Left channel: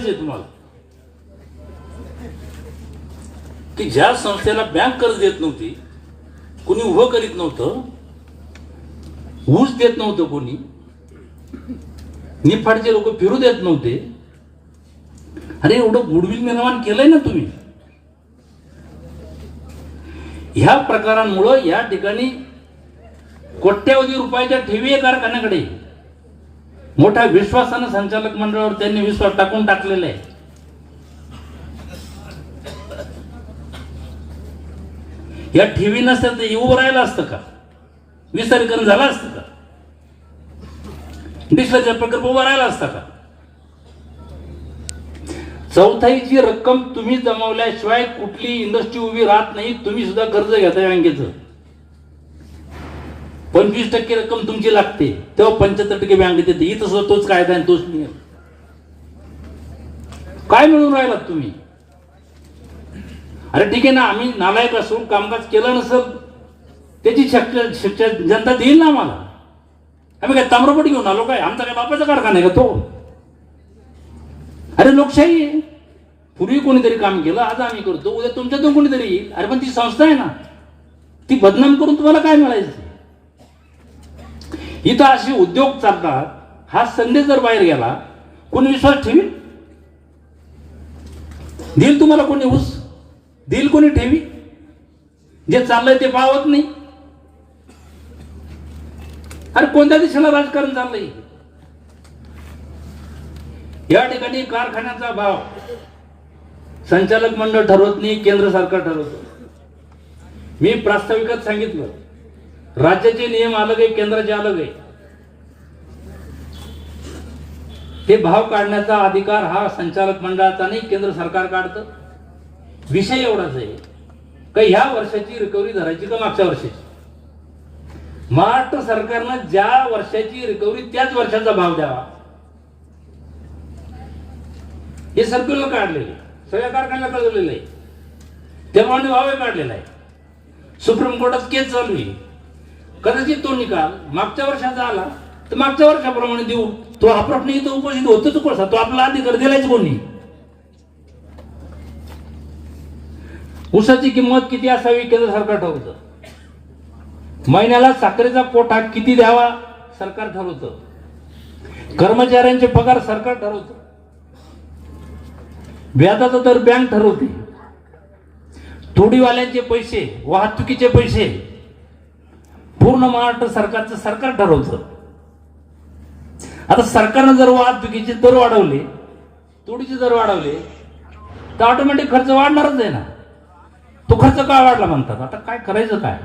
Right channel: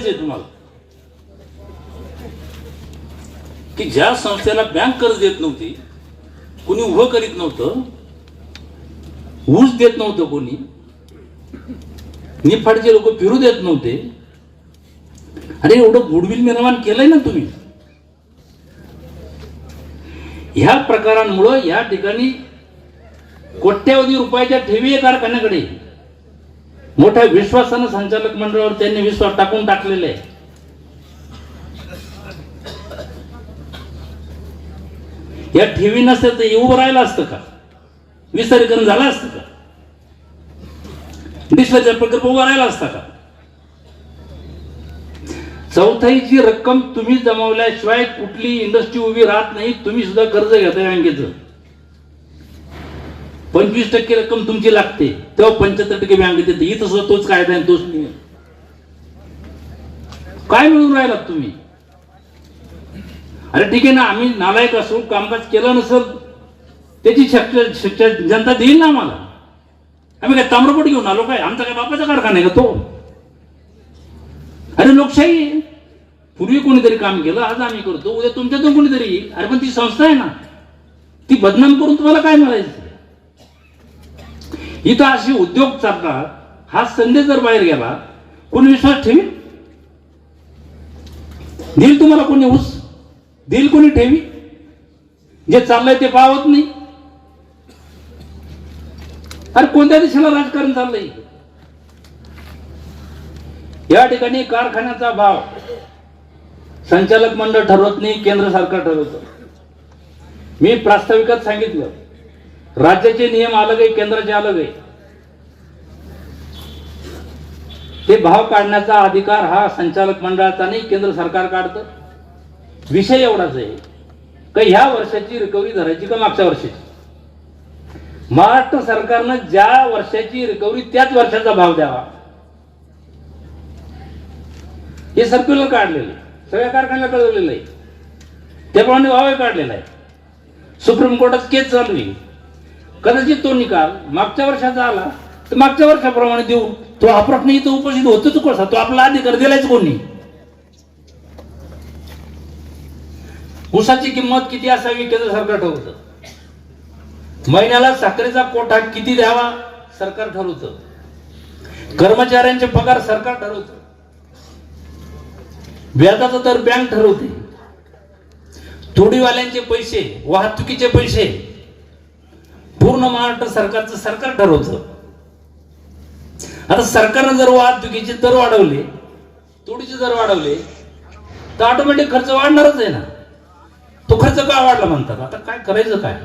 तुम्हाला. की ज्या संस्थेला बँक कर्ज देत नव्हती कुणी उभं करीत नव्हतं ऊस देत नव्हतं कोणी निफाडचे लोक फिरू देत नव्हते अरे एवढं गुडविल निर्माण केलंय ना तुम्ही. ह्या प्रकारांमुळं या ठिकाणी कोट्यावधी रुपयाच्या ठेवी आहे कारखान्याकडे. मोठ्या विश्वासानं संचालक मंडळावर त्यांनी विश्वास टाकून टाकलेला आहे. या ठेवी नसत्या तर उभं राहिलं असतं का? विसर्जन झालं असतं का? डिस्लरचा प्रकल्प उभा राहिला असता का? चौथाईची रक्कम तुम्ही जमवल्याशिवाय कुठली इंडस्ट्री उभी राहत नाही तुम्ही सुद्धा कर्ज घेता बँकेचं. पंचवीस टक्के रक्कम तुमची लागते. तेव्हा पंच्याहत्तर टक्के बँकेत देते. इथं सुद्धा तोच कायदा आहे तोच नियम. काय म्हणून राहिलात तुम्ही? अरे ठीक आहे ना आम्ही नालायक असू कामकाज केलं नसेल त्याची शिक्षा शिक्षा जनता देईल ना आम्हाला. आम्ही काय ताम्रपट घेऊन आलो काय? आमचा काय बापाचा कारखाना आहे का तो? अरे लोकशाही आहे. पूर्वी कोणीतरी काम केलं आज आम्ही करतो. उद्या तुमच्यातून कोणीतरी येईल. अरे पण ती संस्था आहे ना. ती बदनाम करून तुम्हाला काय मिळायचं? इथं अशी उद्योग चालतात हा संधी जर बाहेर गेला कोणी विश्वास ठेवी देईल तुम्हाला कोणी ऊस? देईल कोणी ठेवी? जे चाललंय ते पावत नाही. अरे कोणत्या देशाला राजकारण चाललंय? या ठिकाणी कारखान्याचा भाव संचालक मंडळ ठरवत नाही केंद्र सरकार ठरवत. मी प्रास्ताविकात सांगितलं. राज्याचे नियम अलग आहे केंद्राचे अलग आहे. हे भाव काढण्याचा अधिकार हा संचालक मंडळाचा नाही केंद्र सरकार काढतं. विषय एवढाच आहे. का ह्या वर्षाची रिकव्हरी धरायची का मागच्या वर्षाची? महाराष्ट्र सरकारनं ज्या वर्षाची रिकव्हरी त्याच वर्षाचा भाव द्यावा. हे सर्क्युलर काढलेले सगळ्या कारखान्याला कळवलेलं आहे. त्याप्रमाणे भावही काढलेला आहे. सुप्रीम कोर्टात केस चालू आहे. कदाचित तो निकाल मागच्या वर्षाचा आला तर मागच्या वर्षाप्रमाणे देऊ तो हा प्रश्न इथं उपस्थित होतोच कसा? तो आपला अधिकार दिलायच कोणी? ऊसाची किंमत किती असावी केंद्र सरकार ठरवतं? महिन्याला साखरेचा कोठा किती द्यावा? सरकार ठरवतं. कर्मचाऱ्यांचे पगार सरकार ठरवतं. व्याजाचा तर बँक ठरवते. तोडीवाल्यांचे पैसे वाहतुकीचे पैसे पूर्ण महाराष्ट्र सरकारचं सरकार ठरवतं. आता सरकारनं जर वाहतुकीचे दर वाढवले तोडीचे दर वाढवले तर ऑटोमॅटिक खर्च वाढणारच आहे ना. तो खर्च काय वाढला म्हणतात? आता काय करायचं काय?